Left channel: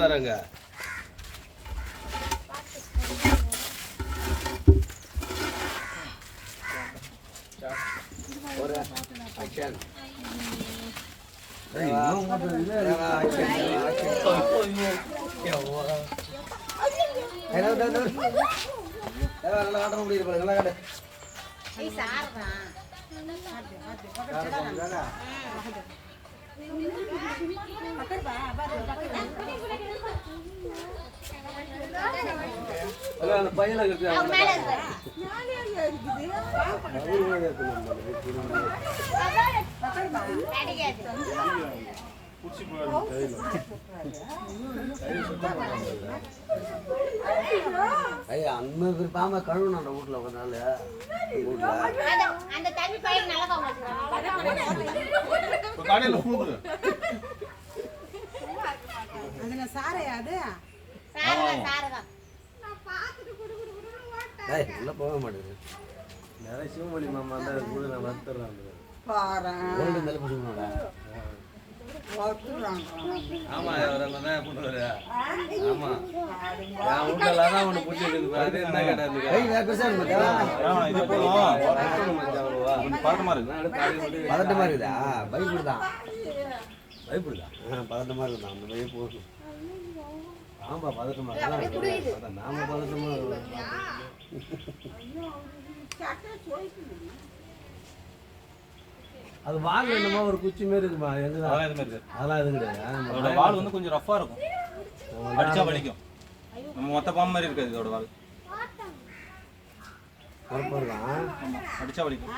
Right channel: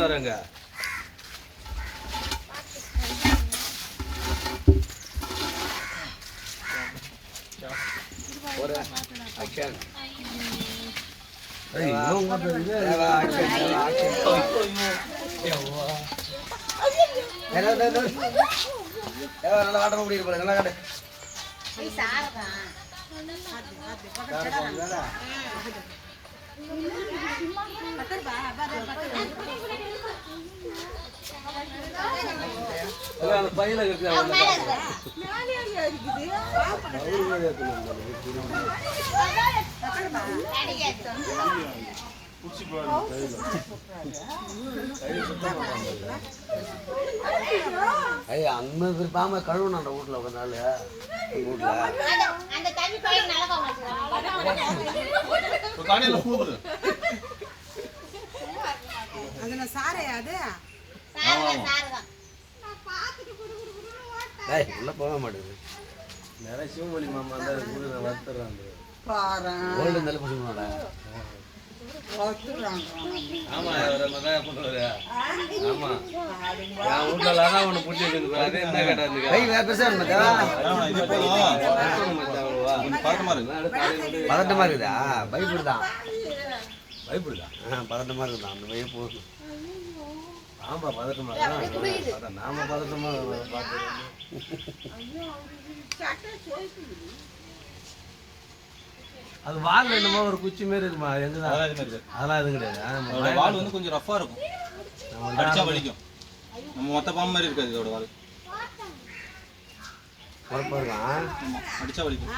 பண்ணாருங்க. நல்லா ஆட்டம் முடியும் நல்லா கடை அந்த பையனை ஐயா அங்க பாம கழுவுன அந்த வீட்டுல ஒரு நாள் வீட்டுல உள்ள போக மாட்டேங்குது நிறைய சிவமொழி மாமா இருந்தா வளர்த்துறான் கோல்டு நல்ல பசங்களோட ஆமா ஆமா வீட்டுல ஒண்ணு பிடிச்சிருக்கு பதட்டமா இருக்குதா பயப்படுதான் பதட்டமா இருக்குதான் அந்த பையன் போதும் ஆமா பதட்டமா நாம பதட்டமா அது வால் என்னமோ ஒரு குச்சி மாரி இருக்குமா எங்கதான் அதெல்லாம் எதுவும் கிடையாது அதோட வால் வந்து கொஞ்சம் ரஃபா இருக்கும் அடிச்சா வலிக்கும் நம்ம மொத்த பாம்பு மாதிரி இருக்காது இதோட வால் அடிச்சா வலிக்கும்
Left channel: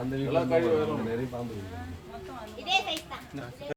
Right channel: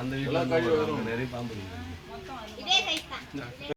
அந்த வீட்டுல நிறைய பாம்பு